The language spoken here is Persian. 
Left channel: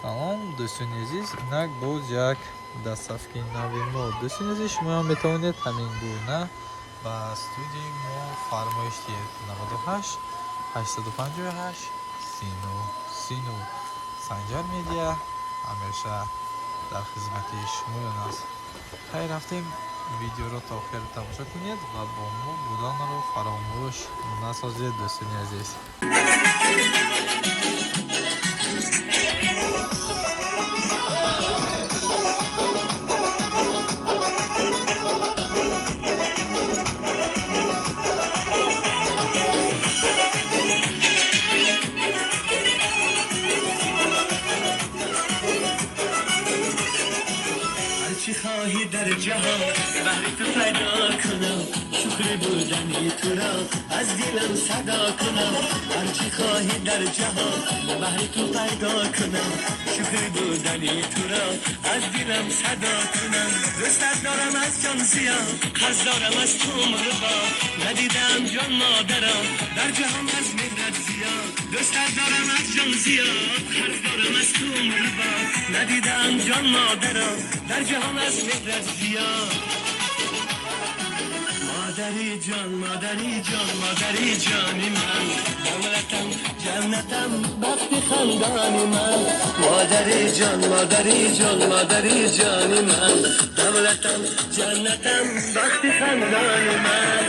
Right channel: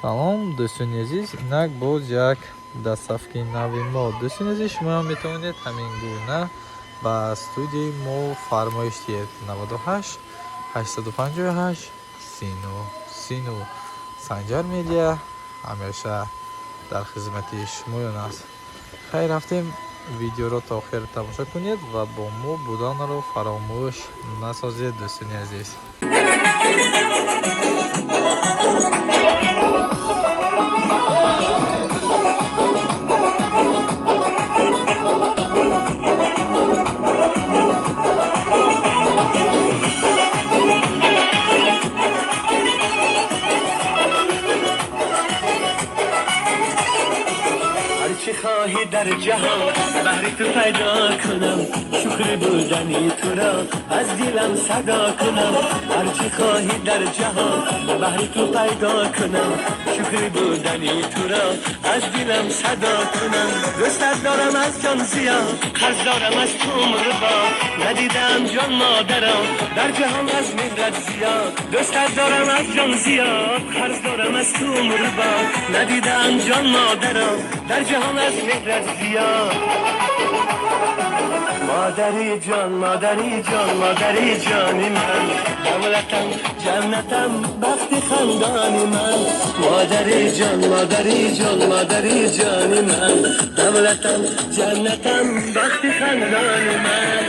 салом, дӯстони азиз, инак боз як дастсафҳаи нави мо. Дӯстони азиз, шумоам метавонед ҳамин гуна ба студияи мо фармоиш диҳед. 98 858 39 Санҷар медиа ҳамеша дар хизмати шумоён аст. Хайр рафтем, видеоро то охир тамошо кунед ва бо мо буданро фаромӯш насозед. Дӯстони азиз, هرچی خواهی در جهان بهر تو پیدا کنم، شکر بودنی تو را از دلم صدا کنم. هرچی خواهی در جهان بهر تو پیدا کنم، شکر بودنی تو را از دلم صدا کنم. دوستت دارم از جان زیاد، قرض دارم از تو مربا، ندیدم جان مادرم در جهان از مهرت زیاد. دوستت دارم از جان زیاد، قرض دارم از تو مربا، ندیدم جان مادرم در جهان از مهرت زیاد. مادری جان مادری جان مادری جانی من، دولتم جنتم بخت خندانی من. مادری جان مادری جان مادری جانی من، دولتم جنتم بخت خندانی من.